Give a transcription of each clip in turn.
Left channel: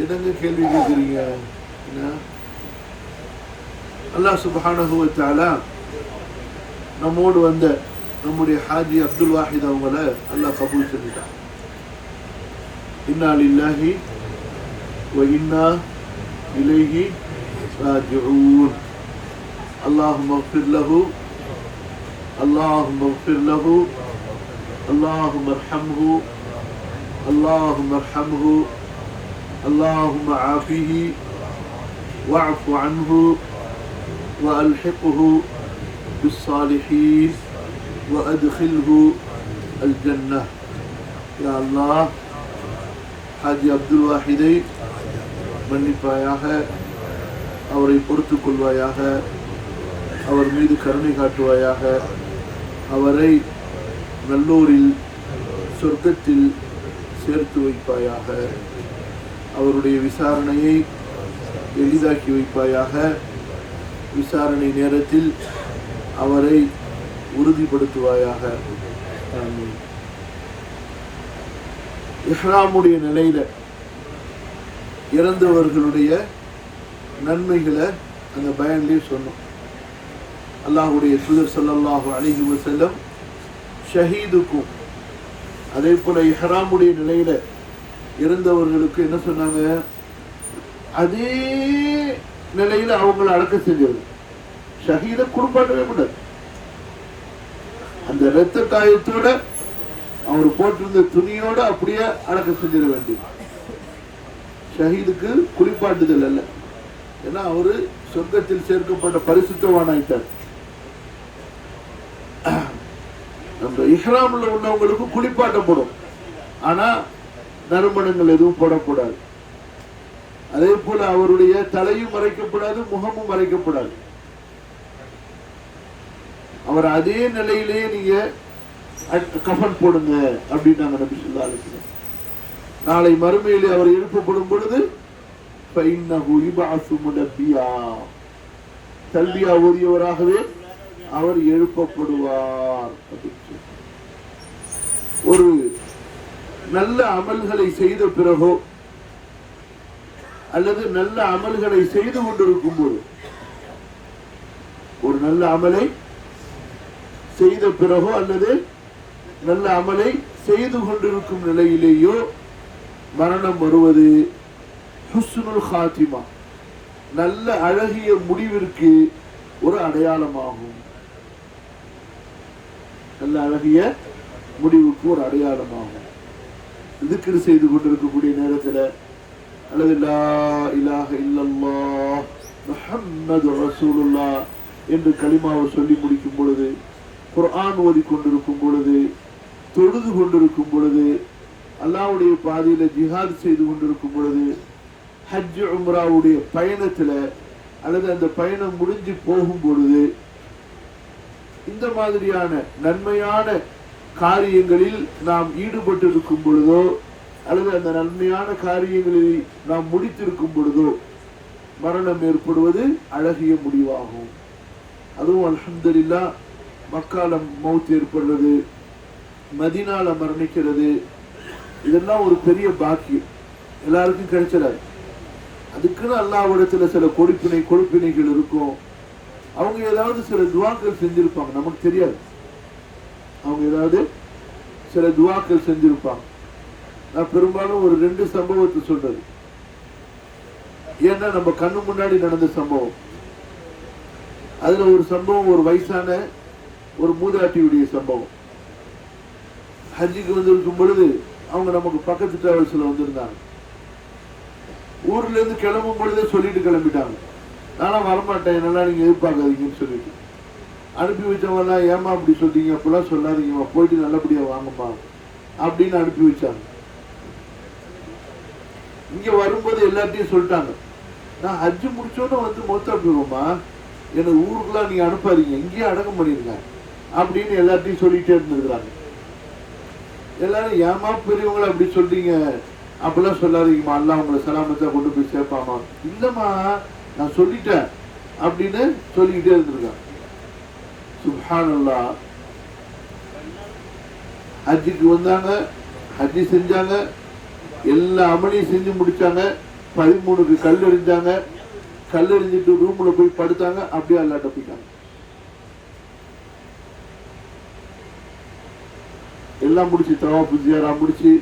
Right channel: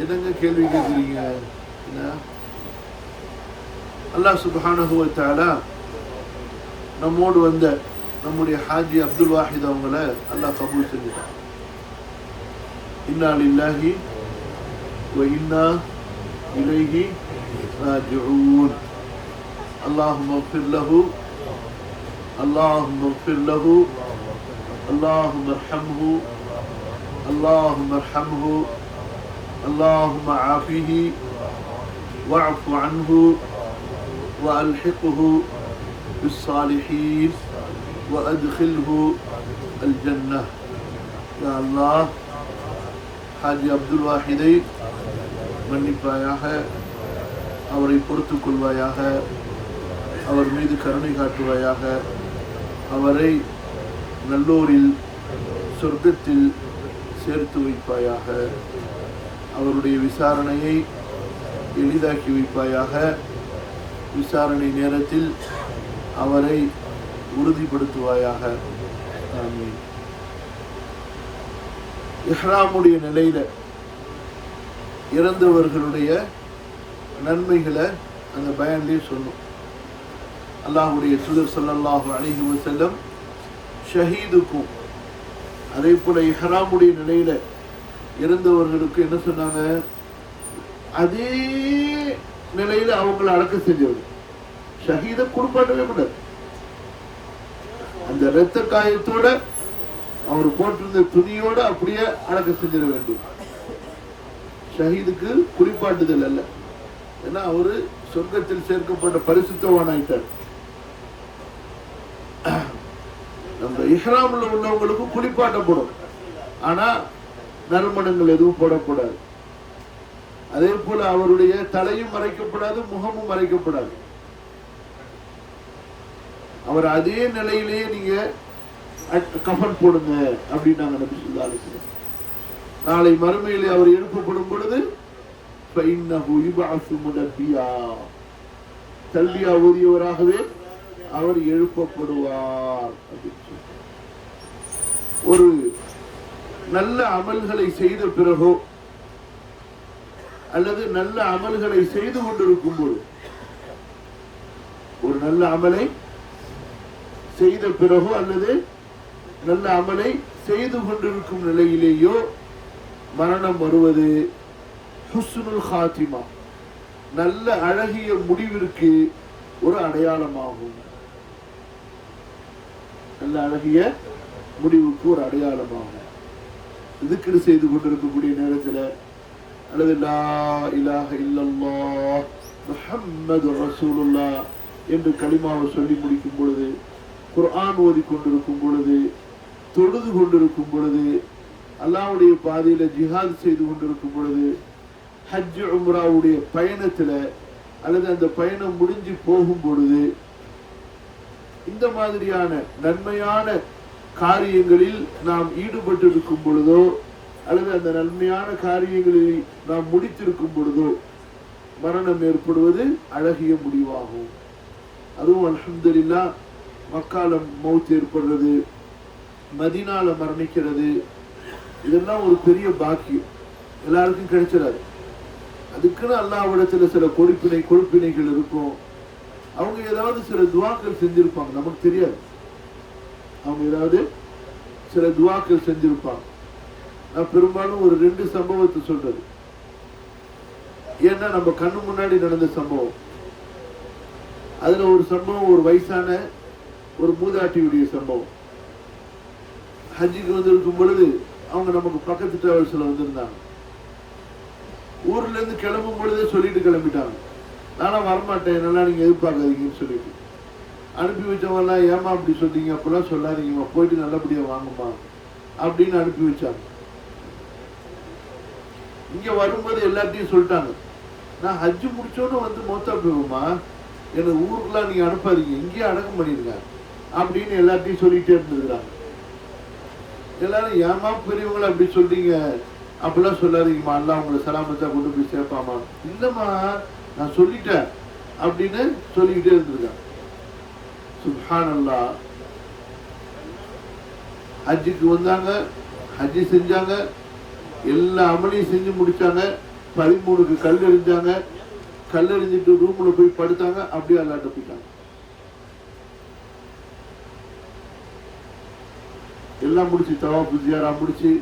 என்னங்க கேள்வி கேட்குறீங்க? அல்லாஹ் சுப்ஹானஹு வ தஆலா நம்மோடு வந்த நம்முடைய ஹாஜி அப்துல் வாஹித் அவங்கள அல்லாஹ் கபூல் செஞ்சிட்டான். இன்னா லில்லாஹி வ இன்னா இலைஹி ராஜிஊன். அல்லாஹும்ம இக்ஃபிர் லஹு, அல்லாஹும்ம இக்ஃபிர் லஹு, அல்லாஹும்ம இர்ஹம்ஹு, அல்லாஹும்ம இர்ஹம்ஹு, அல்லாஹும்ம ஆஃபிஹி வஅஃபு அன்ஹு وألحقه بالصالحين وأدخله الجنة. يا الله حاجي عبد الواحிதை மன்னிப்பாயாக, அவரை பொறுத்துக் கொள்வாயாக, அவர் மீது கருணை காட்டுவாயாக, அவரை நல்லோரில் சொர்க்கத்தில் சேர்த்து வைப்பாயாக, அவருடைய விசாரணையை எளிதாக்கி வைப்பாயாக, விசாரணை நேரத்தில் அவரை உறுதிப்படுத்துவாயாக. ஆமீன். இஹ்ராமுடைய நிலையில இறந்தவர்களுடைய நன்மைகளை அந்த பயான்லேயே சொன்னோம். அல்லாஹ்வுடைய தூதர் ஸல்லல்லாஹு அலைஹி வஸல்லம் ஷஹீதுக்கும் அதே போல இஹ்ராமுடைய நிலையில இறந்தவர்களுக்கு என்ன சொன்னாங்க? அதே நிலையில அவங்களை அடக்க செஞ்சது. ஷஹீத குடும்பமே கூடாது. அந்த இரத்த காயத்தோட அவர் போட்டிருந்த துணியோட அப்படியே அடக்க செஞ்சிட வேண்டியது. ஷஹீதுக்கு குளிப்பாட்டுதல் அல்ல. ஏன்னா அவரு சொர்க்கத்தில் சேர்க்கப்பட்ட பரிசுத்தவான் ஆயிட்டார். அந்த இஹ்ராம்ல உள்ளவங்களுக்கு குளிப்பாட்டப்படும், ஆனா நறுமணங்கள் எதுவும் போடக்கூடாது. அதே போல அவருடைய தலையும் மறைக்கப்படாது, முகமும் மறைக்கப்படாது. அவர் அதே நிலையிலேயே நீங்க கஃபன் போடுங்க அப்படின்னாங்க நபி ஸல்லல்லாஹு அலைஹி வஸல்லம். நாளை மறுமையிலே அவர் எழுப்பப்படும் பொழுது ஃபஇன்னஹு யுபஅஸு முனப்பியா, தல்பியா ஓதியவராகவே அவர் எழுப்பப்படுவார். ஒரு நல்ல அமல்களை செய்த பிறகோ அல்லது நல்ல அமல்களை செய்து கொண்டிருக்கும் போது, ஒரு நல்ல அமலை செய்த பிறகோ அல்லது நல்ல அமலை செய்து கொண்டிருக்கும் நிலையிலேயோ மரணம் வருவது ஹுஸ்னுல் ஹாத்திமா, நல்ல அழகிய முடிவிற்கு ஒரு அடையாளமாகும். நல்ல அழகிய முடிவுக்கு ஒரு அடையாளமாகும். திக்ர் செய்து கொண்டிருக்கக்கூடிய நேரத்தில் அல்லது லா இலாஹ இல்லல்லாஹ் முஹம்மது ரசூலுல்லாஹ் என்று கலிமாவை சொல்லி முடிக்கும் பொழுது, குர்ஆன் ஓதி கொண்டிருக்கும் பொழுது, தொழுது கொண்டிருக்கும் பொழுது, அல்லாஹ்வுடைய பாதையில ஜிஹாத் செய்து கொண்டிருக்கும் பொழுது, ஹஜ் உம்ராவுடைய பயணத்தில் அல்லது அந்த பயணம் முடிஞ்சு போகும் பொழுது, இந்த மாதிரியான நன்மையான காரியங்களில் நாம் ஈடுபட்டு இருக்கும் பொழுதோ அல்லது அந்த நன்மையான காரியங்களில் நாம் முடித்திருக்கும் பொழுதோ மரணம் ஏற்படுவது அழகிய முடிவாகும். அதுவும் அல்ஹம்துலில்லாஹ் மக்கால மௌத் ஏற்படுறது, மதீனால மரணிக்கிறது, இதெல்லாம் ஒரு பெரிய பாக்கியம், எல்லாருக்கும் கிடைச்சிடாது. அதுக்குன்னு அல்லாஹ்விடத்துல சில கொடுப்பினைகள் இருக்கும். அவங்க ஏதாவது சில துவாக்கள் செஞ்சிருப்பாங்க, நமக்கு தெரியாது. அவங்க ஏதாவது சில துவாக்கள் செஞ்சிருப்பாங்க. நான் பெரும்பாலும் ஒரு 2 சம்பவத்தை சொல்றது, ஏன்னா நம்ம கண்ணு முன்னாடி நடந்த சம்பவம். அதுல ஒரு சம்பவம் ஒரு வயசான ஒரு மூதாட்டியுடைய சம்பவம். ஹஜ்ஜுக்கு வந்திருக்கும் பொழுது அவங்க நமக்கு பக்கத்து டிராவல்ஸ்ல வந்திருந்தாங்க. ஊர்ல இருந்து கிளம்பும் பொழுதே சொல்லிட்டு கிளம்பிட்டாங்க, நானா வரமாட்டேன், என்னெல்லாம் நீங்க எதிர்பார்க்காதீங்கன்னு சொல்லிட்டு. அனுப்பி வச்சவங்க ஏமா அப்படி சொல்றீங்க, அப்படிலாம் சொல்லாதீங்கம்மா, போயிட்டு நல்லபடியா வாங்கம்மா அப்படின்னு அனுப்பி வச்சாங்க. இங்க வரும்போது எல்லாத்தையும் சொல்லிட்டாங்க, நான் ஹஜ்ஜு முடிச்சோன்னு வந்து மொத்தா போகுமா, எனக்கு ஊருக்குலாம் நீங்க அனுப்பாதீங்க, இங்கேயே அடக்கம் பண்ணிருங்க அப்படின்னு எல்லாத்தையும் சொல்லிட்டே இருந்திருக்கிறாங்க. எல்லாரும் ஏமா பெரியவங்களை அப்படி சொல்றீங்க, அப்படிலாம் சொல்லாதீங்கம்மா, அல்லாஹ் உங்களை சலாமத்தா கொண்டு போய் சேர்ப்பாமா. இல்லம்மா நான் சொல்லிட்டேன் அப்படின்னு சொல்லிக்கிட்டே இருந்திருக்காங்க. சுப்ஹானல்லாஹ். ஹஜ்ஜுக்கு வந்தாங்க, ஹஜ்ஜி செஞ்சாங்க, எல்லா அமலையும் செஞ்சு முடிச்சாங்க. 13க்கு கல் எறிஞ்சாங்க. கல் எறிஞ்சிட்டு ரூம்ல போய் படுத்தாங்க. அப்படியே அல்லாட்ட போயிட்டாங்க. எல்லாம் முடிச்சு தவாஃப் ஜியாரா முடிச்சு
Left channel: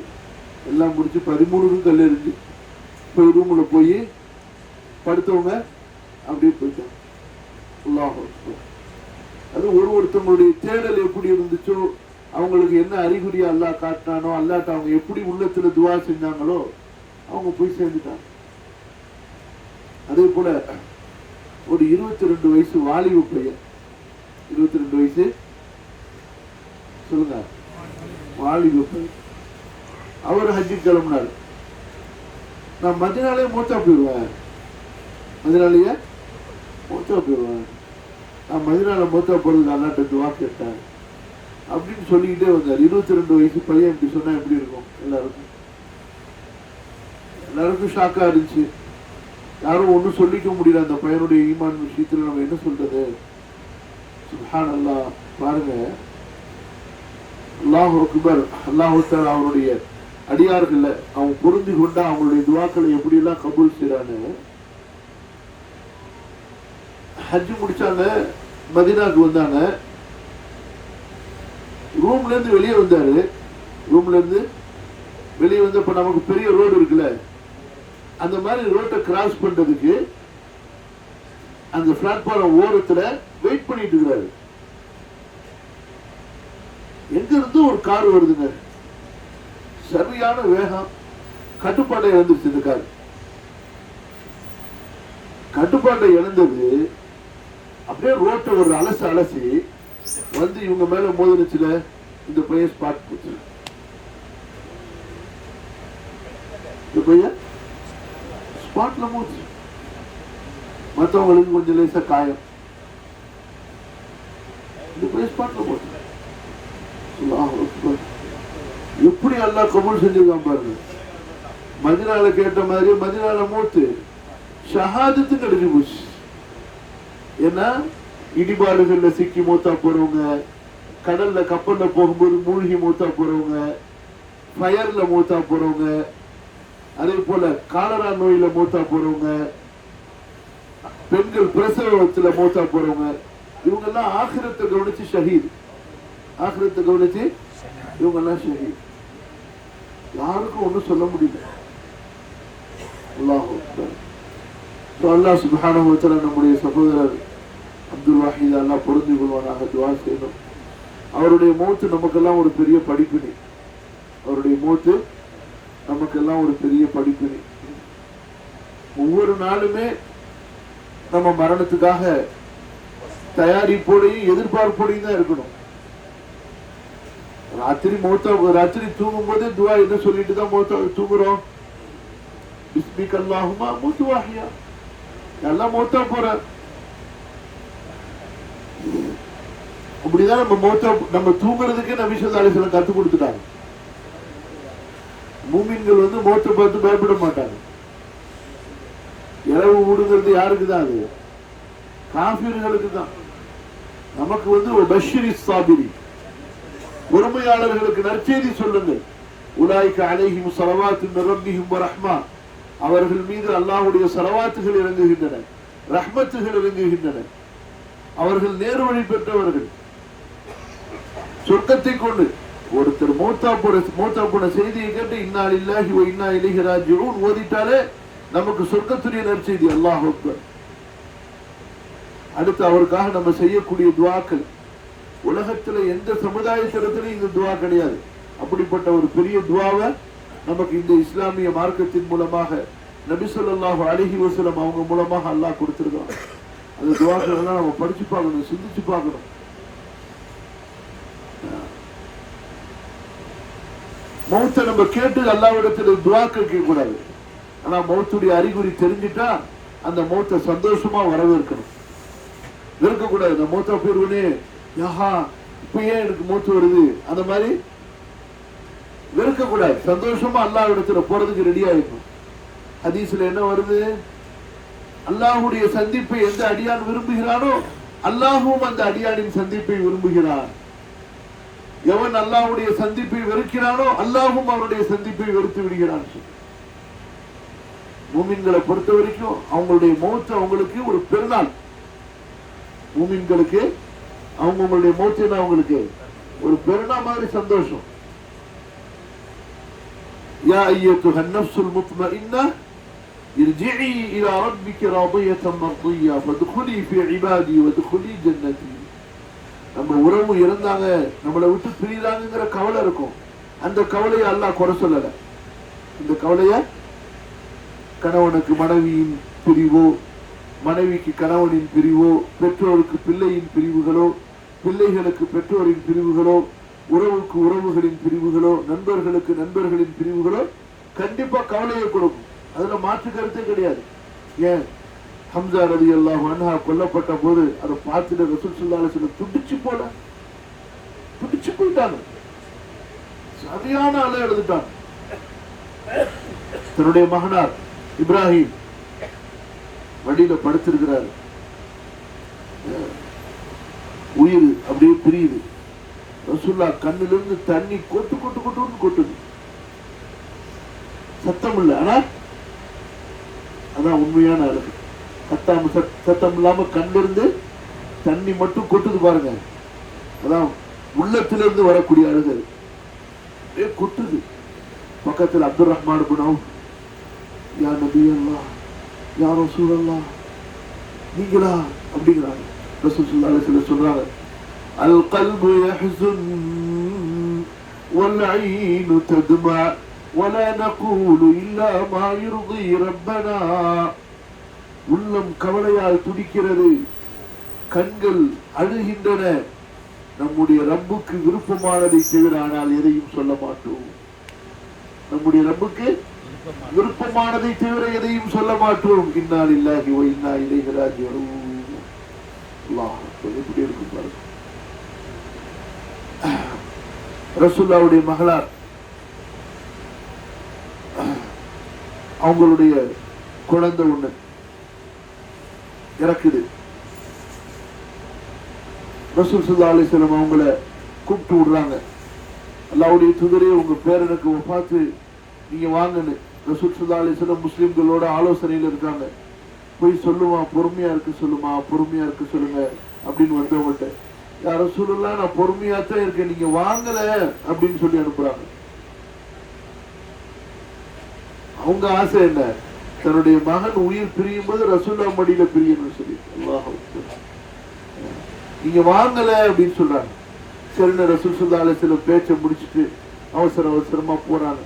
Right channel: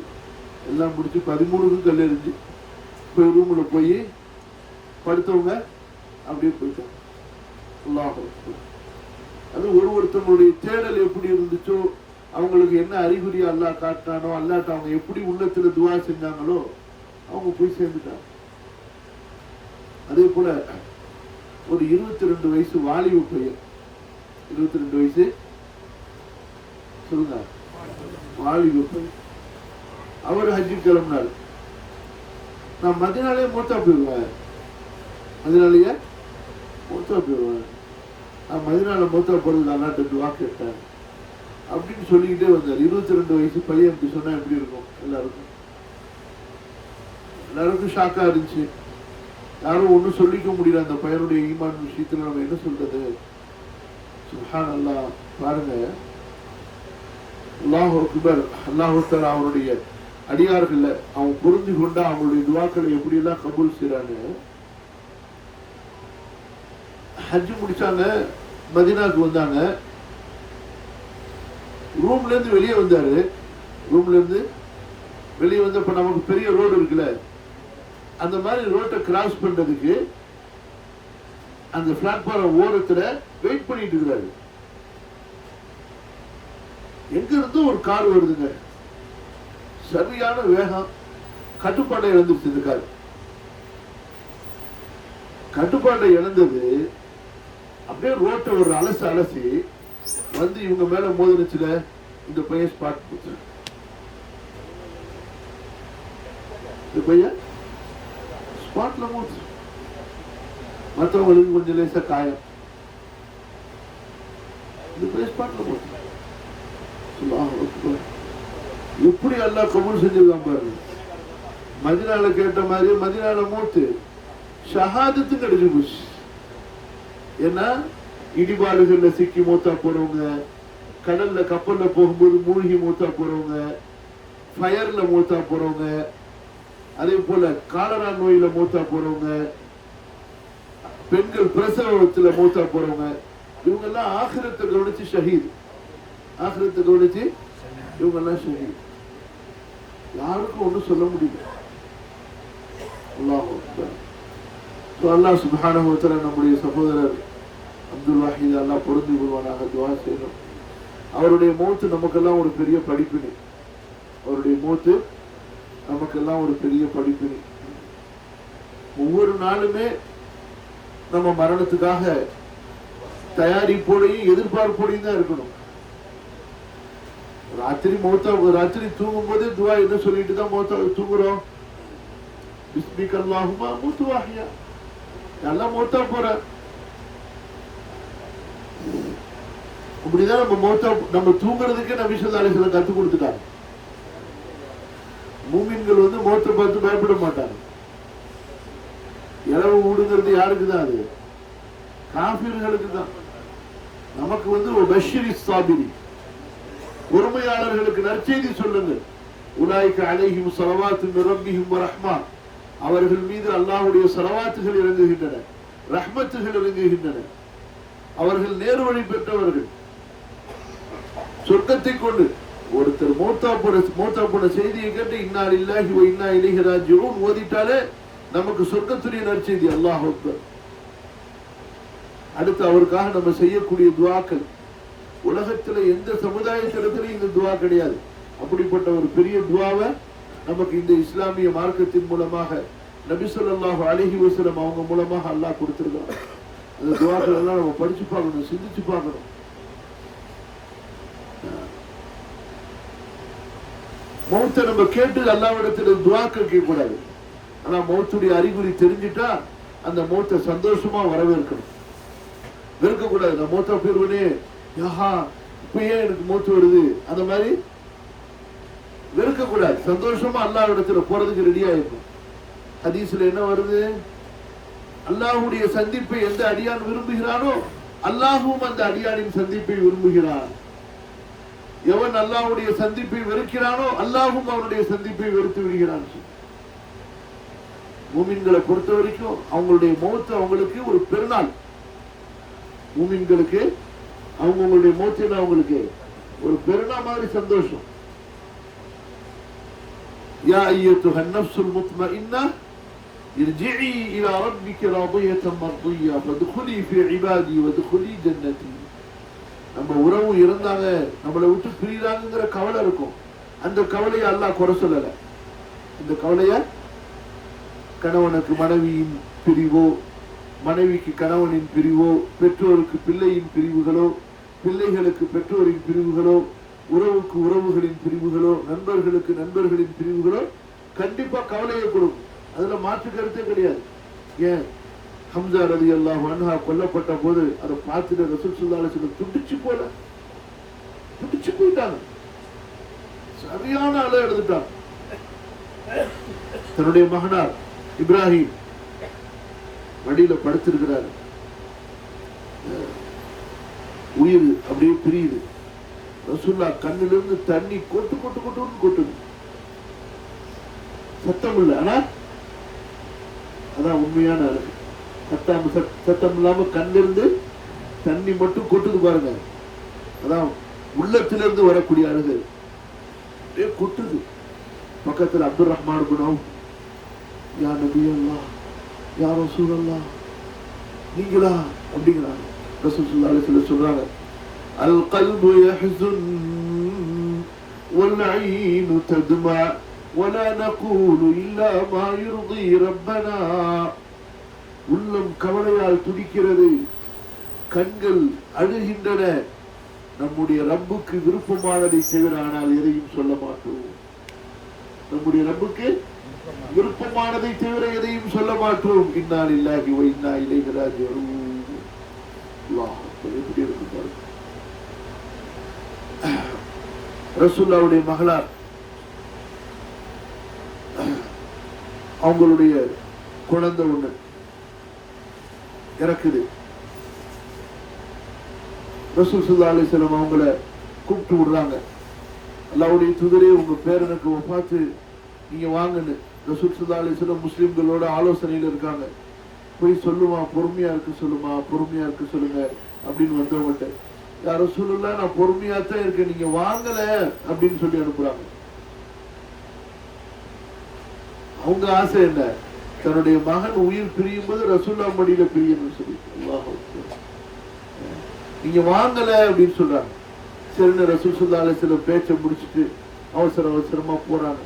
எல்லாம் முடிச்சு 13க்கு கல் எறிஞ்சு போய் ரூம்ல போய் படுத்தவங்க அப்படியே போயிட்டாங்க. அல்லாஹ் அது ஒருத்தவங்களுடைய தேடல் எப்படி இருந்துச்சோ, அவங்களுக்கு என்ன அறிகுறியா அல்லாஹ் காட்டினானோ, அல்லாட்ட அவங்க எப்படி உள்ளத்துல துவா செஞ்சாங்களோ அவங்க போய் சேர்ந்துட்டாங்க. அதே போல ஒரு 22 வயசு வாலிப பையன், 22 வயசு சொல்லுங்க, வாலிப பையன், அவர் ஹஜ்ஜி கிளம்பினாரு. நான் மதினாலே மூத்தா போயிடுவேன், மதினாலேயே மூத்தா போயிடுவேன், நான் மதினால மூத்தா போறதுக்கு அல்லாட்ட துவா கேட்டேன் அப்படின்னு சொல்லிக்கிட்டே வந்தார். 22 வயசு பையன் இப்படி சொன்னா எப்படி இருக்கும்? எல்லாருக்கும் ஷாக்கா இருந்துச்சு. யாரும் ஒன்னும் சொல்லிக்க முடியல அந்த பையனுடைய ஈமான் விஷயத்துல. நம்ம என்ன சொல்றது? சுப்ஹானல்லாஹ். பாருங்க, அல்லாஹு அக்பர். அல்லாஹு தஆலா அவருடைய அடியார்கள் அவங்க புரிந்து கொண்டா அவங்களுடைய துவாக்களை எப்படி எல்லாம் கபூல் செய்றாங்க. ஹஜ் முடிச்சாங்க, மதீனாக்கு வந்தாங்க. ரூம்ல இருந்து வெளியே வந்தாரு. ரூம்ல இருந்து வெளியே வந்தப்ப நமக்கு பெரிய ரோடு இருக்குல்ல, அந்த மாதிரி ரோட்டை கிராஸ் பண்றதுக்கு அந்த பிளாட்ஃபார்ம் ஓரத்துல வெயிட் பண்ணிட்டு இருக்கிறாரு. எங்க இருந்து ஒரு கார் வருதுங்க, சரியான வேகம், கட்டுப்பாட்டை இழந்துருச்சு. இந்த கார் கட்டுப்பாட்டை இழந்தது. அப்படியே ரோட்டை ஒரு அலசி அலசி வந்து இவங்க மேல மோதினுச்சுல. இந்த பையன் ஸ்பாட் போச்சு. இந்த பையன் ஸ்பாட்ல மோதிச்சு. மற்றவங்களுக்கு கொஞ்சம் லேசா காயம். இந்த பையன் ஸ்பாட்ல போச்சு. எப்படி அல்லாஹ் கபூல் செஞ்சிருக்கான் பாருங்க. மதீனால கேட்ட மாதிரி மதீனால மூத்து ஷஹாதத்து கிடைச்சு போச்சு. ஏன்னா இடிபாடுகள்ல சிக்கி மூத்தா போறவங்க, கடல்ல கப்பல்ல போகும்போது மூழ்கி மூத்தா போறவங்க, ஃபயர்ல மூத்தா போறவங்க, அதே போல காலரா நோயில மூத்தா போறவங்க, பெண்கள் பிரசவத்துல மூத்தா போறவங்க, இவங்க எல்லாம் ஆகிரத்தை கவனிச்சு ஷஹீத். ஆகிரத்தை கவனிச்சு இவங்க எல்லாம் ஷஹீத். யாருக்கும் ஒன்றும் சொல்ல முடியல. அல்லாஹ் சுப்ஹானஹு வ தஆலா நம்முடைய சகோதரர் அப்துல் வஹீத் அல்லாஹ் பொருந்தி கொள்வானாக துஆ செய்யணும். அவருடைய மௌத்து நமக்கெல்லாம் ஒரு பெரிய படிப்பினை. அவருடைய மௌத்து நமக்கெல்லாம் ஒரு பெரிய படிப்பினை. ஒவ்வொரு நாளுமே நம்ம மரணத்துக்காக தயாரிப்போடையும் எதிர்பார்ப்போடையும் தான் இருக்கணும். ராத்திரி தூங்கும் போதே துவா என்ன சொல்லிட்டு தான் தூங்குறோம்? பிஸ்மிக அல்லாஹும்ம அமூது வ அஹ்யா. எல்லாம் மௌத்தா போற. அப்படிதான் நம்ம தூங்குறதுக்கு நபி ஸல்லல்லாஹு அலைஹி வஸல்லம் கத்து கொடுத்துட்டாங்க. மூமின்கள் வந்து மௌத்தை பார்த்து பயப்பட மாட்டாங்க. இரவு மூடுங்கிறது யாருக்கு தான்? அது காஃபிர்களுக்கு தான். நமக்கு வந்து பஷீரி சாபிரி, பொறுமையாளர்களுக்கு நற்செய்தி சொல்லுங்கள். உலாயிக அலைஹிம் ஸலவாத்து மின் ரப்பிஹிம் வ ரஹ்மா. அவர்கள் மீது அல்லாஹ்வுடைய ஸலவாத்துகள் இறங்குகின்றன, ரஹ்மத்துகள் இறங்குகின்றன. அவர்கள் நேர்வழி பெற்றவர்கள். சொர்க்கத்தை கொண்டு ஒருத்தர் மௌத்தா போன செய்தியை கேட்டு இன்னா லில்லாஹி வ இன்னா இலைஹி ராஜிஊன் ஓதிட்டாலே நமக்கு சொர்க்கத்துடைய நற்செய்தி. அல்லாஹ் அக்பர். அடுத்து அவருக்காக நம்ம செய்யக்கூடிய துஆக்கள். உலகத்துல எந்த சமுதாயத்திடத்திலும் இந்த துஆ கிடையாது. அப்படிப்பட்ட ஒரு பெரிய துஆவை நமக்கு இந்த இஸ்லாமிய மார்க்கத்தின் மூலமாக நபி ஸல்லல்லாஹு அலைஹி வஸல்லம் அவங்க மூலமாக அல்லாஹ் கொடுத்திருக்காங்க. அந்த துஆக்கள் எல்லாம் நம்ம படிச்சு பார்க்கணும், சிந்திச்சு பார்க்கணும். மௌத்தை நம்ம கேட்டு அல்லாஹ்விடத்துல துஆக்கள் கேட்க கூடாது. ஆனா மௌத்துடைய அறிகுறி தெரிஞ்சிட்டா அந்த மௌத்தை சந்தோஷமா வரவேற்கணும். வெறுக்கக்கூடாது. நான் மௌத்தா போயிருவனே, யஹா இப்ப ஏன் எனக்கு மௌத்து வருது, அந்த மாதிரி வெறுக்கக்கூடாது. சந்தோஷமா அல்லாஹ்விடத்துல போறதுக்கு ரெடி ஆயிடும். ஹதீஸ்ல என்ன வருது? அல்லாஹ்வுடைய சந்திப்பை எந்த அடியான் விரும்புகிறானோ அல்லாஹ்வும் அந்த அடியானின் சந்திப்பை விரும்புகிறான். எவன் அல்லாஹ்வுடைய சந்திப்பை வெறுக்கிறானோ அல்லாஹ்வும் அவருடைய சந்திப்பை வெறுத்து விடுகிறான். மூமின்களை பொறுத்த வரைக்கும் அவங்களுடைய மௌத்து அவங்களுக்கு ஒரு பெருநாள். மூமின்களுக்கு அவங்களுடைய மௌத்து அவங்களுக்கு ஒரு பெருநாள் மாதிரி சந்தோஷம். யா அய்யத்துஹன் நஃப்ஸுல் முத்மஇன்னா இர்ஜிஇ இலா ரப்பிக ராதியத்தன் மர்திய்யா ஃபத்குலி ஃபீ இபாதி வத்குலி ஜன்னதி. நம்ம உறவு இருந்தாங்க, நம்மளை விட்டு பிரியாங்கங்கிற கவலை இருக்கும். அந்த கவலையை அல்லாஹ் குறை சொல்லல. அந்த கவலைய கணவனுக்கு மனைவியின் பிரிவோ, மனைவிக்கு கணவனின் பிரிவோ, பெற்றோருக்கு பிள்ளையின் பிரிவுகளோ, பிள்ளைகளுக்கு பெற்றோரின் பிரிவுகளோ, உறவுக்கு உறவுகளின் பிரிவுகளோ, நண்பர்களுக்கு நண்பர்களின் பிரிவுகளோ கண்டிப்பா கவலையை கொடுக்கும். அதுல மாற்று கருத்தே கிடையாது. ஏன் ஹம்சா ரலியல்லாஹு அன்ஹு கொல்லப்பட்ட போது அதை பார்த்துட்டு ரசூல் ஸல்லல்லாஹு அலைஹி வஸல்லம் துடிச்சு போயிட்டாங்க. சரியான அலை எழுதிட்டாங்க. தன்னுடைய மகனார் இப்ராஹிம் வழியில படுத்திருக்கிறார். உயிர் அப்படியே பிரியுது. ரசூலுல்லாஹ் கண்ணிலிருந்து தண்ணி கொட்டுது. சத்தம் இல்லை, ஆனா அதான் உண்மையான அழகு. சத்தம் இல்லாம கண்ணிலிருந்து தண்ணி மட்டும் கொட்டுது பாருங்க. அதான் உள்ளத்திலிருந்து வரக்கூடிய அழகு. அப்படியே கொட்டுது. பக்கத்தில் அப்துல் ரஹ்மான் குணம், யா நபி அல்லாஹ், யா ரசூல் அல்லாஹ், நீங்களா அப்படிங்கிறாங்க. ரசூல் ஸல்லல்லாஹு அலைஹி வஸல்லம் சொல்றாங்க, அல் கல்பு யஹ்ஸுன் வல் ஐனு தத்மா வலா நகூலு இல்லா மா யுர்தி ரப்பனா. உள்ளம் கவலையால் துடிக்கிறது, கண்கள் அழுகின்றன. நம்முடைய ரப்புக்கு விருப்பமானதை தவிர ஆனால் எதையும் சொல்ல மாட்டோம். நம்முடைய ரப்புக்கு விருப்பமானதை தவிர எதையும் சொல்ல மாட்டோம். இன்னா லில்லாஹி வ இன்னா இலைஹி ராஜிஊன். அல்லாஹ் எப்படி இருக்கும் பாருங்க. ரசூலுல்லாஹ்வுடைய மகளார் அவங்களுடைய குழந்தை ஒண்ணு இறக்குது. ரசூல் ஸல்லல்லாஹு அலைஹி வஸல்லம் அவங்கள கூப்பிட்டு விடுறாங்க. அல்லாஹ்வுடைய தூதரே, உங்க பேரனுக்கு பார்த்து நீங்க வாங்கன்னு ரசூல் ஸல்லல்லாஹு அலைஹி வஸல்லம் முஸ்லிம்களோட ஆலோசனையில் இருக்காங்க. போய் சொல்லுமா, பொறுமையா இருக்கு சொல்லுமா, பொறுமையா இருக்கு சொல்லுங்க அப்படின்னு வந்தவங்கள்ட்ட, யா ரசூலுல்லாஹ் நான் பொறுமையா தான் இருக்கேன், நீங்க வாங்கல அப்படின்னு சொல்லி அனுப்புறாங்க. அவங்க ஆசை என்ன, தன்னுடைய மகன் உயிர் பிரியும் போது ரசூலுல்லாஹ் மடியில பிரியணும்னு சொல்லி. நீங்க வாங்கல அப்படின்னு சொல்றாங்க. சரின்னு ரசூல் ஸல்லல்லாஹு அலைஹி வஸல்லம் பேச்சை முடிச்சுட்டு அவசரமா போறாங்க.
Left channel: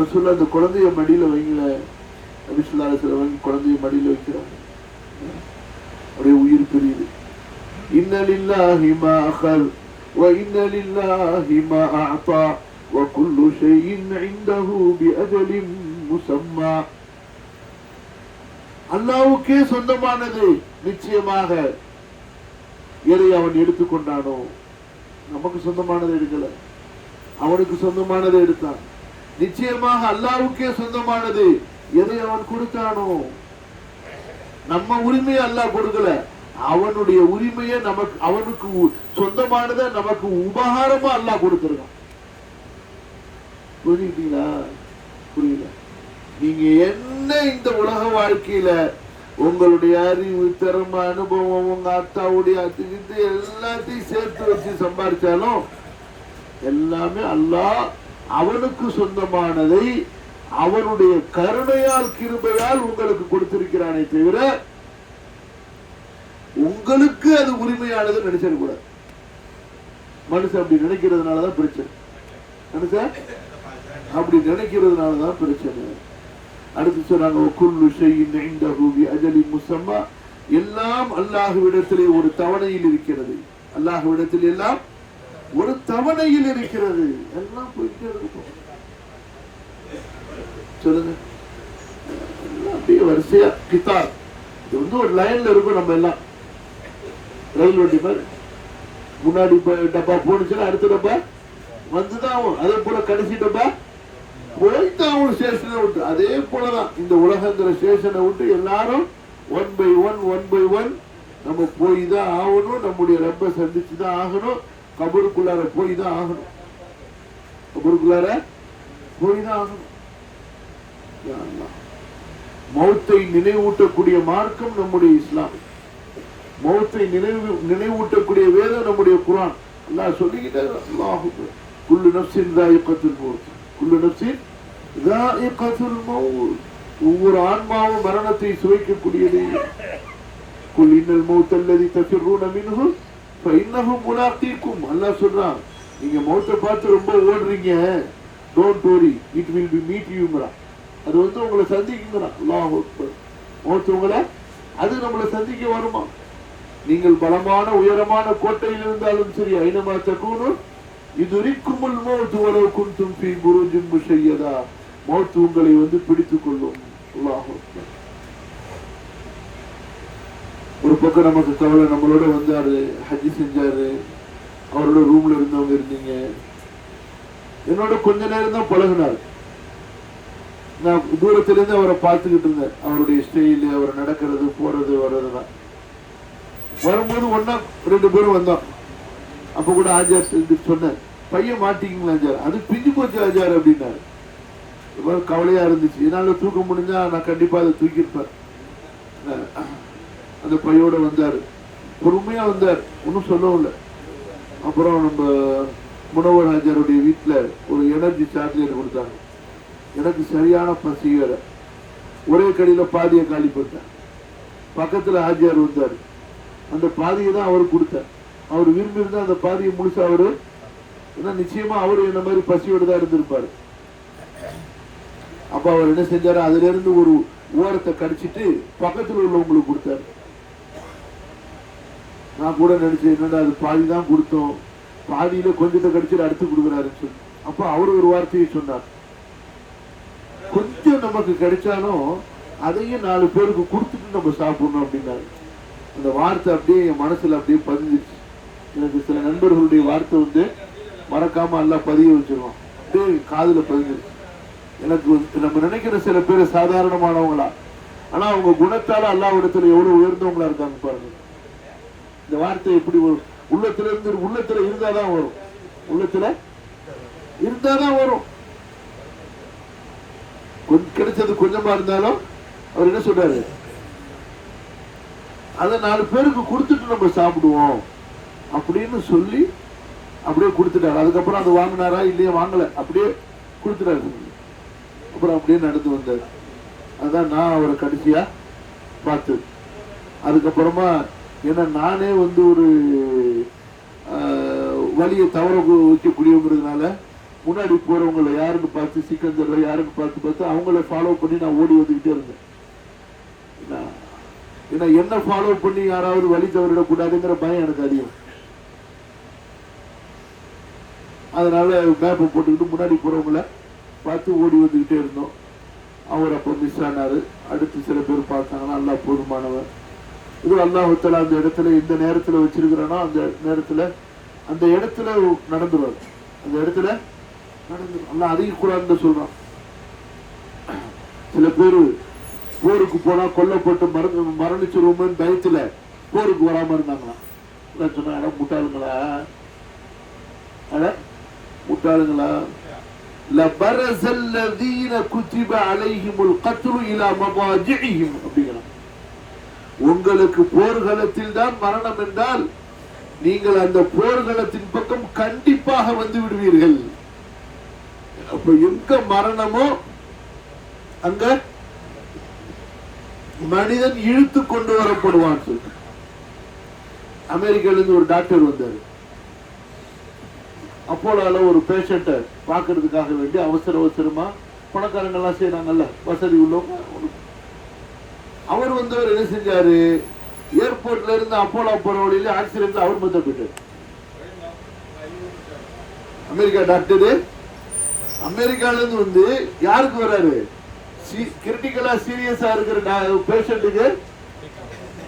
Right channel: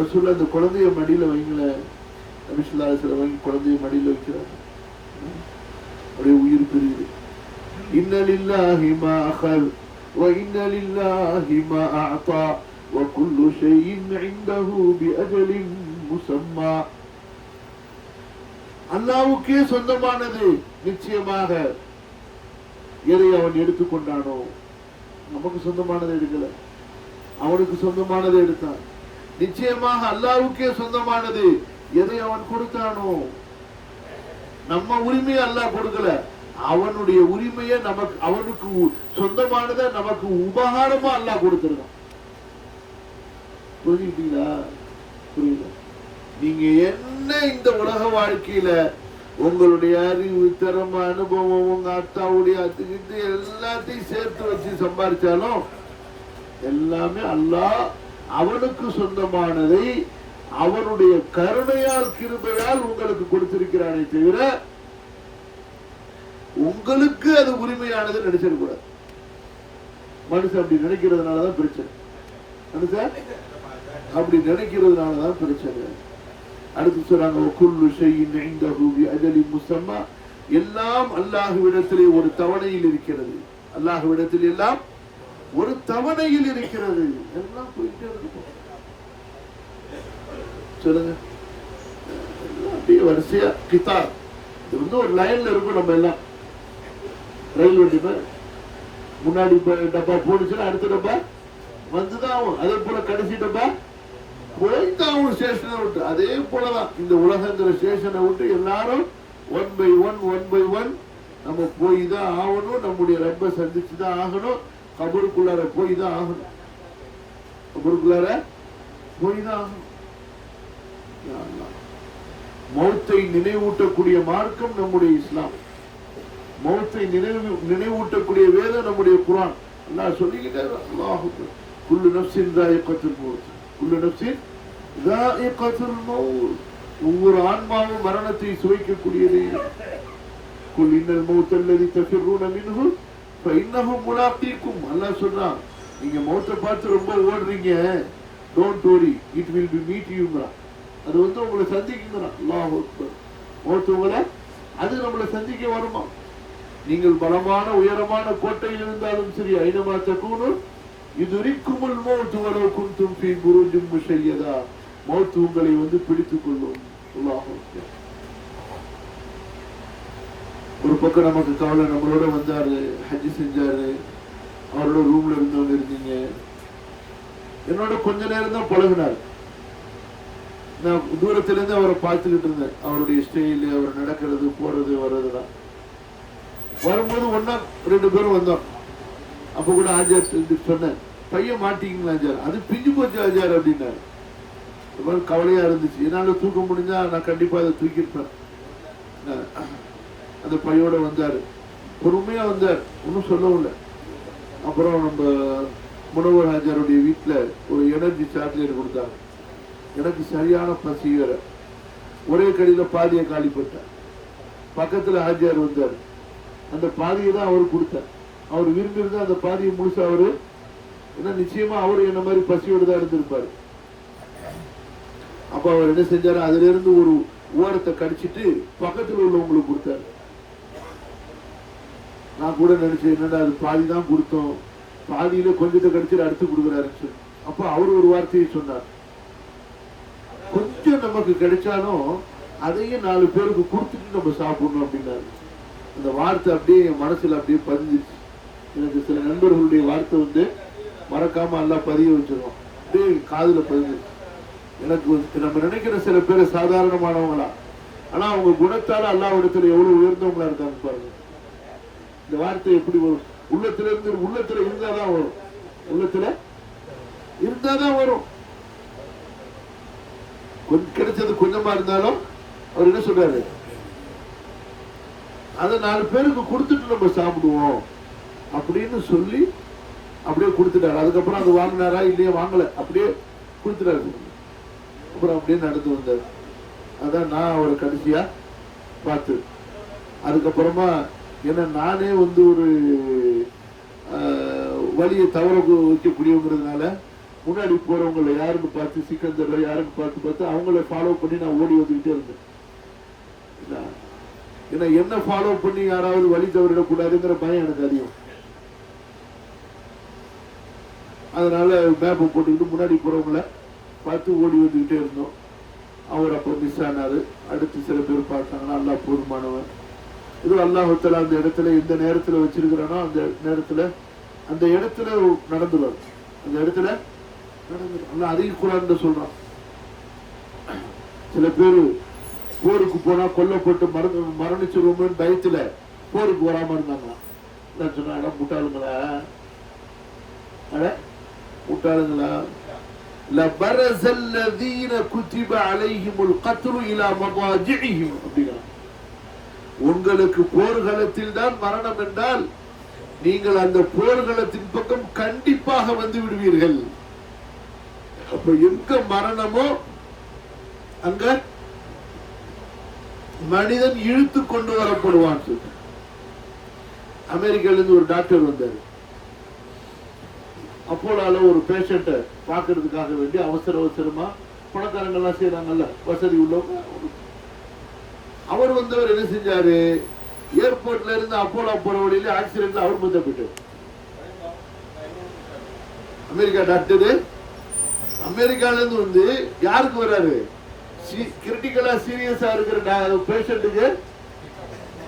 ரசூலுல்லாஹ் அந்த குழந்தைய மடியில வைங்கல, நபி ஸல்லல்லாஹு அலைஹி வஸல்லம் வாங்கி குழந்தைய மடியில வைக்கிறாங்க. அப்படியே உயிர் பிரியுது. இன்ன லில்லாஹி மா அகல் வ இன்ன லில்லாஹி மா அஅதா வ குல்லு ஷைஇன் இன்தஹு பிஅஜலின் முஸம்மா. அல்லாஹ்வுக்கே சொந்தமானது நிச்சயமாக எதை அவன் எடுத்துக்கொண்டானோ, நமக்கு சொந்தமானதை எடுக்கல, அவனுக்கு சொந்தமானதை எடுத்தான். நிச்சயமாக அல்லாஹ்வுக்கே சொந்தமானது எதை அவன் கொடுத்தானோ. நம்ம உரிமையை அல்லாஹ் கொடுக்கல, அவனுடைய உரிமையை நமக்கு, அவனுக்கு சொந்தமானதை நமக்கு உபகாரமா அல்லாஹ் கொடுத்திருக்கான். புரியுதுங்களா? புரியல. நீங்க என்ன இந்த உலக வாழ்க்கையில உங்களுடைய அறிவு, திறமை, அனுபவம், உங்க அத்தாவுடைய அத்துக்கிட்டு எல்லாத்தையும் சேர்த்து வச்சு சம்பாதிச்சாலும் எல்லாமே அல்லாஹ் அவனுக்கு சொந்தமானதை அவனுடைய கருணையால், கிருபையால் உங்களுக்கு கொடுத்திருக்கிறானே தவிர உங்களுக்கு அது உரிமையானது நினைச்சிடக்கூடாது. மனுஷன் அப்படி நினைக்கிறதுனாலதான் பிரச்சனை. மனுஷன் அப்படி நினைக்கிறதுனாலதான் பிரச்சனை. அடுத்து சொன்னாங்க, குல்லு ஷைஇன் இன்தஹு பிஅஜலின் முஸம்மா. எல்லாம் அல்லாஹ்விடத்திலே ஒரு தவணையில் இருக்கிறது. அல்லாஹ்விடத்தில் எல்லாம் ஒரு தவணையில் இருக்கிறது. எல்லாம் போயிட்டே இருக்கும். சொல்லுங்க, அப்படியே வரிசையா கித்தார். இது வந்து ஒரு லைன்ல இருக்கும். நம்ம எல்லாம் ரயில் வண்டி மாதிரி முன்னாடி டப்பா போனுச்சுன்னா அடுத்த டப்பா வந்துதான் ஆகும். அதே போல கடைசி டப்பா போய்தான் ஒரு ஸ்டேஷனை விட்டு. அதே போலதான் இந்த உலகங்கிற ஸ்டேஷனை விட்டு எல்லாரும் ஒன் பை ஒன் நம்ம போய் தான் ஆகணும். நம்முடைய ரப்பை சந்திச்சுதான் ஆகணும். கபருக்குள்ளார போய் தான் ஆகணும். கபருக்குள்ளார போய் தான் ஆகணும். மௌத்தை நினைவூட்டக்கூடிய மார்க்கம் நம்முடைய இஸ்லாம். மௌத்தை நினைவூட்டக்கூடிய வேதம் நம்முடைய குர்ஆன். அல்லாஹ் சொல்லிக்கிட்டே அல்லாஹ் குல்லு நஃப்ஸின் ذائقத்துல் மௌத், குல்லு நஃப்ஸின் ذائقத்துல் மௌத். ஒவ்வொரு ஆன்மாவும் மரணத்தை சுவைக்கக்கூடியதே. குல் இன்னல் மௌத்த அல்லதி தஃபிரூன மின்ஹு ஃபஇன்னஹு முலாகீக்கும். அல்லாஹ் சொல்றான், நீங்க மௌத்தை பார்த்து ரொம்ப ஓடுறீங்க, don't worry, it will be meet யூங்கறா. அது வந்து உங்களை சந்திக்குங்கறா. அல்லாஹ் அக்பர். மௌத் உங்களை அது நம்மளை சந்திக்க வருமா? நீங்கள் பலமான உயரமான கோட்டையில் இருந்தாலும் சரி, ஐனமா தகூனு யுத்ரிக்குமுல் மௌத் வலவ் குன்தும் ஃபீ புரூஜின் முஷய்யதா. மௌத் உங்களை வந்து பிடித்துக் கொள்ளும். அல்லாஹ் அக்பர். ஒரு பக்கம் நமக்கு கவலை, நம்மளோட வந்தாரு, ஹஜ் செஞ்சாரு, அவரோட ரூம்ல இருந்தவங்க இருந்தீங்க, என்னோட கொஞ்ச நேரம் தான் பழகினார். நான் தூரத்துல இருந்து அவரை பார்த்துக்கிட்டு இருந்தேன், அவருடைய ஸ்டைல், அவர் நடக்கிறது போறது வர்றதுதான். வரும்போது ஒன்னா 2 பேரும் வந்தோம். அப்ப கூட ஆஜார் சொன்னேன், பையன் மாட்டிங்களா ஆஜார், அது பிஞ்சு போச்சு ஆஜார் அப்படின்னாரு. கவலையா இருந்துச்சு. என்னால தூக்க முடிஞ்சா நான் கண்டிப்பா அதை தூக்கிருப்பேன். அந்த பையோட வந்தாரு, பொறுமையா வந்தார், ஒன்னும் சொல்லவும் இல்லை. அப்புறம் நம்ம முனவர் ஆஜாருடைய வீட்டுல ஒரு எனர்ஜி சார்ஜர் கொடுத்தாங்க. எனக்கு சரியான பசி வேற, ஒரே கடையில பாதியை காலி போட்டேன். பக்கத்துல ஆஜியார் வந்தார், அந்த பாதியை தான் அவரு கொடுத்தார். அவர் விரும்பி இருந்தா அந்த பாதியை முழுசா அவரு, ஏன்னா நிச்சயமா அவரு என்ன மாதிரி பசியோடு தான் இருந்திருப்பாரு. அப்ப அவர் என்ன செஞ்சாரு, அதுல இருந்து ஒரு ஓரத்தை கடிச்சிட்டு பக்கத்துல உள்ளவங்களுக்கு கொடுத்தாரு. நான் கூட நினைச்சேன், என்னடா அது பாதி தான் கொடுத்தோம், பாதியில கொஞ்சத்தை கடிச்சிட்டு அடுத்து கொடுக்குறாருன்னு சொல்லி. அப்ப அவரு ஒரு வார்த்தையை சொன்னார், கொஞ்சம் நமக்கு கிடைச்சாலும் அதையும் 4 பேருக்கு கொடுத்துட்டு நம்ம சாப்பிடணும் அப்படின்னாரு. அந்த வார்த்தை அப்படியே என் மனசுல அப்படியே பதிஞ்சிருச்சு. எனக்கு சில நண்பர்களுடைய வார்த்தை வந்து மறக்காம எல்லாம் பதிய வச்சிருவோம், அப்படியே காதுல பதிஞ்சிருச்சு. எனக்கு நம்ம நினைக்கிற சில பேர் சாதாரணமானவங்களா, ஆனா அவங்க குணத்தால அல்லாஹ்விடத்துல எவ்வளவு உயர்ந்தவங்களா இருக்காங்க பாருங்க. இந்த வார்த்தை எப்படி வரும்? உள்ளத்துல இருந்தாதான் வரும், உள்ளத்துல இருந்தாதான் வரும். கிடைச்சது கொஞ்சமா இருந்தாலும் அவர் என்ன சொல்றாரு, அதை 4 பேருக்கு கொடுத்துட்டு நம்ம சாப்பிடுவோம் அப்படின்னு சொல்லி அப்படியே கொடுத்துட்டாரு. அதுக்கப்புறம் அது வாங்கினாரா இல்லையா, வாங்கல, அப்படியே கொடுத்துட்டாரு. அப்புறம் அப்படியே நடந்து வந்தாரு. அதான் நான் அவரை கடைசியா பார்த்து. அதுக்கப்புறமா ஏன்னா நானே வந்து ஒரு வழியை தவற வைக்கக்கூடியவங்கிறதுனால முன்னாடி போறவங்களை யாருன்னு பார்த்து, சிக்கந்தர் யாருன்னு பார்த்து அவங்கள ஃபாலோ பண்ணி நான் ஓடி வந்துகிட்டே இருந்தேன். ஏன்னா என்ன ஃபாலோ பண்ணி யாராவது வழி தவறிடக்கூடாதுங்கிற பயம் எனக்கு அதிகம். அதனால மேப்பை போட்டுக்கிட்டு முன்னாடி போறவங்களை பார்த்து ஓடி வந்துகிட்டே இருந்தோம். அவர் அப்போ மிஸ் ஆனாரு. அடுத்து சில பேர் பார்த்தாங்கன்னா அல்லாஹ் போதுமானவர். இது அல்லாஹ் அந்த இடத்துல இந்த நேரத்துல வச்சிருக்கிறோன்னா அந்த நேரத்துல அந்த இடத்துல நடந்துருவார். அந்த இடத்துல நடந்துரும். அதையும் கூடாதுன்னு சொல்றான். சில பேரு போருக்கு போனா கொல்லப்பட்டு மரணிச்சிருவோம்னு பயத்துல போருக்கு வராம இருந்தாங்க. சொன்னா முட்டாளுங்களா, முட்டாளுங்களா, لبرز الذين كتب عليهم القتل الى مضاجعهم அப்படிங்கறாங்க. உங்களுக்கு போர்க்களத்தில் தான் மரணம் என்றால் நீங்கள் அந்த போர்க்களத்தின் பக்கம் கண்டிப்பாக வந்து விடுவீர்கள். அப்ப எங்க மரணமோ அங்க மனிதன் இழுத்து கொண்டு வரப்படுவான். அமெரிக்கால இருந்து ஒரு டாக்டர் வந்தாரு. அப்போலால ஒரு பேஷண்ட பாக்குறதுக்காக வேண்டி அவசரமா பணக்காரங்க எல்லாம் செய்யறாங்கல்ல, வசதி உள்ளவங்க. அவர் வந்தவர் என்ன செஞ்சாரு, ஏர்போர்ட்ல இருந்து அப்போலா போற வழியில ஆக்சிடென்ட்ல அவர் பத்த போயிட்டார். அமெரிக்கா டாக்டரு அமெரிக்கால இருந்து வந்து யாருக்கு வர்றாரு, கிரிட்டிக்கலா சீரியஸா இருக்கிற பேஷண்ட்டுக்கு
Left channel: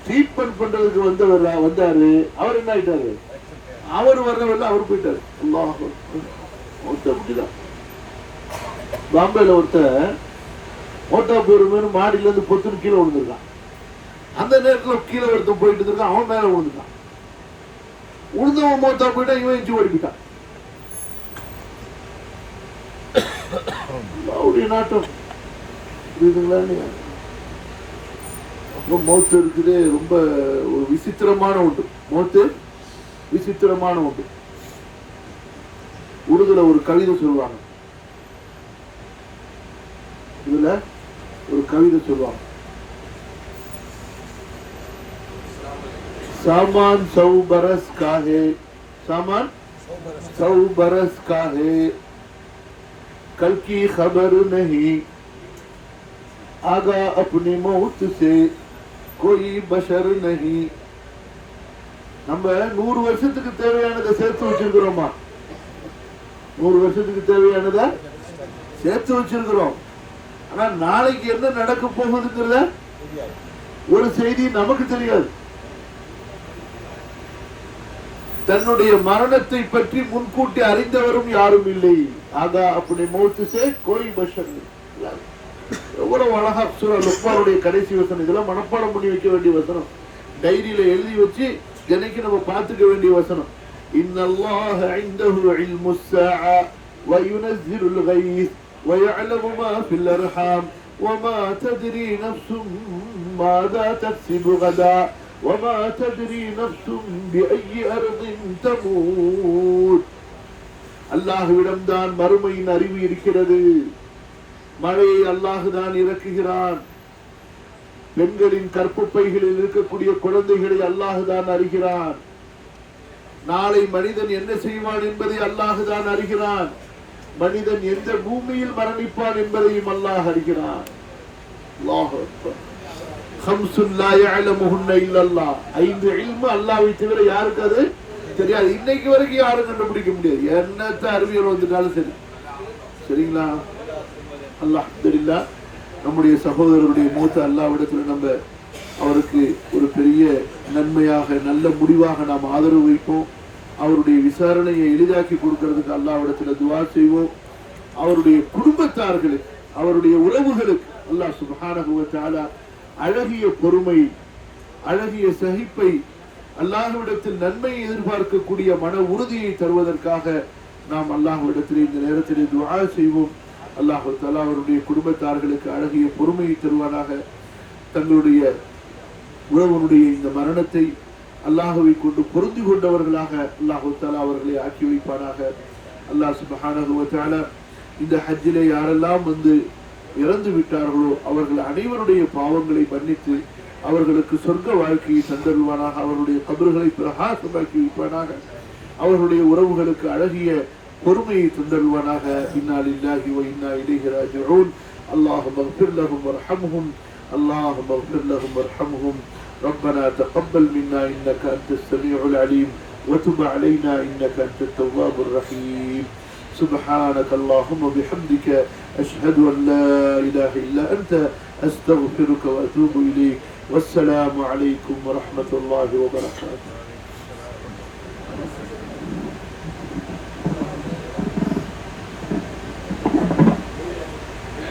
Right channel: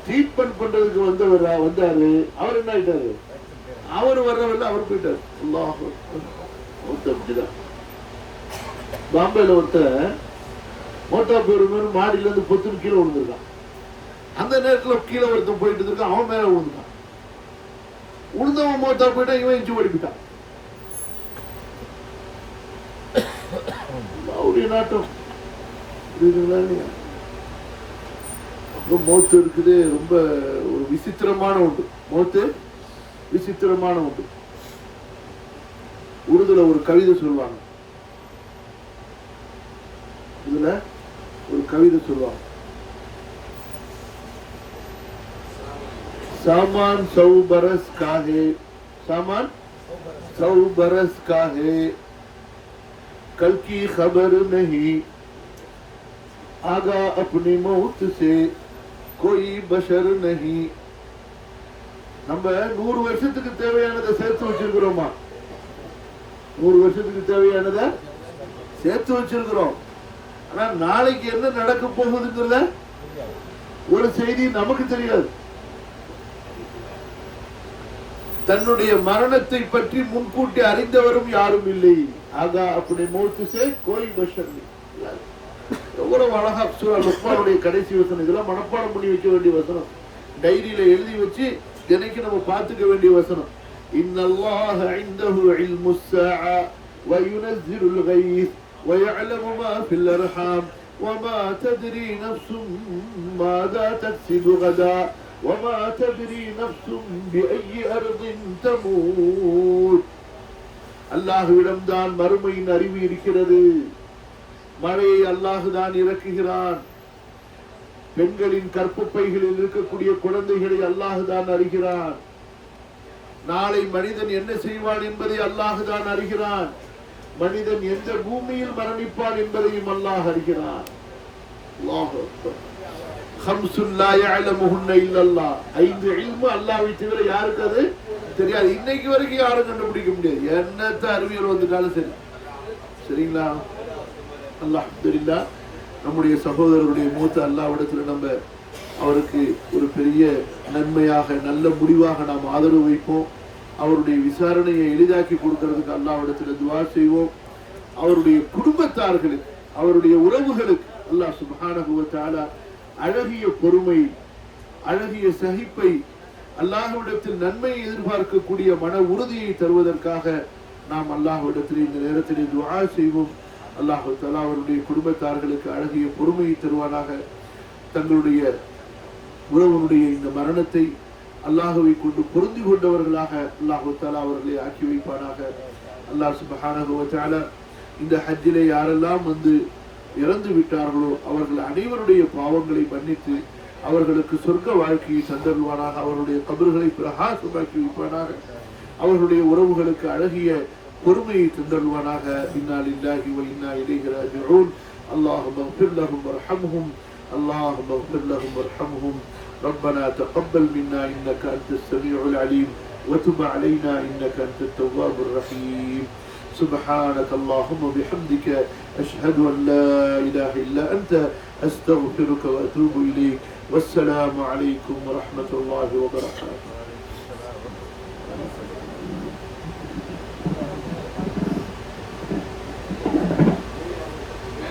ட்ரீட்மெண்ட் பண்றதுக்கு வந்தாரு. அவர் என்ன ஆயிட்டாரு, அவர் வர்றவல்ல அவர் போயிட்டாரு. பாம்பேல ஒருத்தர் மோட்டா பேரு மாடியில இருந்து பொத்துன்னு கீழே விழுந்திருக்கான். அந்த நேரத்துல கீழே ஒருத்தன் போயிட்டு இருக்கான், அவன் மேல விழுந்துட்டான். உழுந்தவன் மோட்டா போயிட்டா, இவன் இஞ்சி ஓடிக்கிட்டான். அவருடைய நாட்டம் இருக்குங்களா இல்லையா? மௌத்து இருக்குது ரொம்ப ஒரு விசித்திரமான ஒன்று. மௌத்து விசித்திரமான ஒன்று. உருதுல ஒரு கவிதை சொல்லுவாங்க. இதுல ஒரு கவிதை சொல்லுவாங்க. सामान 100 बरस का है, सामान 100 बरस का है, कल की खबर नहीं, आगा अपनी मौत से कोई बशर नहीं. நம்ம 100 வருஷத்துக்கு தேவையானதை சேர்த்து வச்சிருக்கிறோமா? 100 வருஷத்துக்கு தேவையானதை சேர்த்து வச்சிருக்கிறோம். ஆனா நாளைக்கு என்ன நடக்க போகுதுங்கிறத ஒரு செய்தி நமக்கு தெரியாது. தன்னுடைய மரணத்தை பற்றி முன்கூட்டி அறிந்தவரும் யாரும் இல்லை. ஆகா அப்படி மௌத்துசே கோய் பஷர். எவ்வளவு அழகா சூரா லுக்மானுடைய கடைசி வசனம். இதெல்லாம் மனப்பாடம் பண்ணி வைக்க வேண்டிய வசனம். டைரியில எழுதி வச்சு தினைக்கு நம்ம பார்த்துக்க வேண்டிய வசனம். இன்னல்லாஹ இன்தஹு இல்முஸ் ஸாஅ வ யுனஸ்ஸிலுல் கைஸ் வ யஅலமு மா ஃபில் அர்ஹாம் வ மா தத்ரி நஃப்ஸும் மாதா தக்ஸிபு கதா وما تدري نفس بأي أرض تموت. அல்லாஹ்விடம் தான் மறுமையின் அறிவு இருக்கிறது. மழையை அல்லாஹ் தான் இறக்குகிறான். பெண்களின் கற்பப்பைகளில் இருக்கக்கூடிய குழந்தைகளை அல்லாஹ் தான் அறிகிறான். நாளை மனிதன் என்ன செய்வான் என்பதை அல்லாஹ் தான் அறிகிறான். மனிதன் எந்த பூமியில் மரணிப்பான் என்பதையும் அல்லாஹ் அறிகிறான். அல்லாஹ் அக்பர். ஹம்சுல்லா யஅலமுஹுன்ன இல்லல்லாஹ். 5 இல்மு அல்லாஹ்வை தவிர யாருக்கு அது தெரியாது. இன்னைக்கு வரைக்கும் யாரும் கண்டுபிடிக்க முடியாது. என்னத்த அறிவியல் வந்துட்டாலும் சரி. சரிங்களா? அல்ஹம்துலில்லாஹ். நம்முடைய சகோதரருடைய மூத்த அல்லாஹ்விடத்தில் நம்ம அவருக்கு ஒரு பெரிய நன்மையாக நல்ல முடிவாக நாம் ஆதரவு வைப்போம். அவருடைய விசாரணையை எளிதாக்கி கொடுக்கிறதுக்கு அல்லாஹ்விடத்தில் துஆ செய்வோம். அவருடைய குடும்பத்தார்களுக்கு அவருடைய உறவுகளுக்கு அல்லாஹ் சுப்ஹானஹு வ தஆலா அழகிய பொறுமை அழகிய சகிப்பை அல்லாஹ்விடத்தில் நன்மையை எதிர்பார்க்கக்கூடிய மன உறுதியை தருவதற்காக நாம் அல்லாஹ்விடத்தில் இந்த நேரத்தில் துஆ செய்வோம். அல்லாஹ் தஆலா அவருடைய குடும்பத்தார்களுக்கு அழகிய பொறுமையை தருவானாக. தங்களுடைய உறவனுடைய இந்த மரணத்தை அல்லாஹ்வை கொண்டு பொருந்தி கொண்டவர்களாக அல்லாஹ் தஆலா அவர்களை ஆக்கி வைப்பானாக. அல்லாஹ் சுப்ஹானஹு வ தஆலா இந்த ஹஜ்ஜிலே யாரெல்லாம் வந்து இறந்து விட்டார்களோ அவர்கள் அனைவருடைய பாவங்களை மன்னித்து அவர்களுக்கு சொர்க்க வாழ்க்கையை தந்தருவானாக. அவர்களுடைய கபர்களை பிரகாசமாக்கி வைப்பானாக. அவர்களுடைய உறவுகளுக்கு அழகிய பொறுமையை தந்தருவானாக. இன்னா லில்லாஹி வ இன்னா இலைஹி ராஜிஊன். அல்லாஹும்ம இக்ஃபிர் லஹும் வர்ஹம்ஹும். அல்லாஹும்ம இக்ஃபிர் லஹும் வர்ஹம்ஹும். ربنا تقبل منا إنك أنت السميع العليم وتب علينا إنك أنت التواب الرحيم. سبحانك اللهم وبحمدك أشهد أن لا إله إلا أنت أستغفرك وأتوب إليك. والسلام عليكم ورحمة الله وبركاته.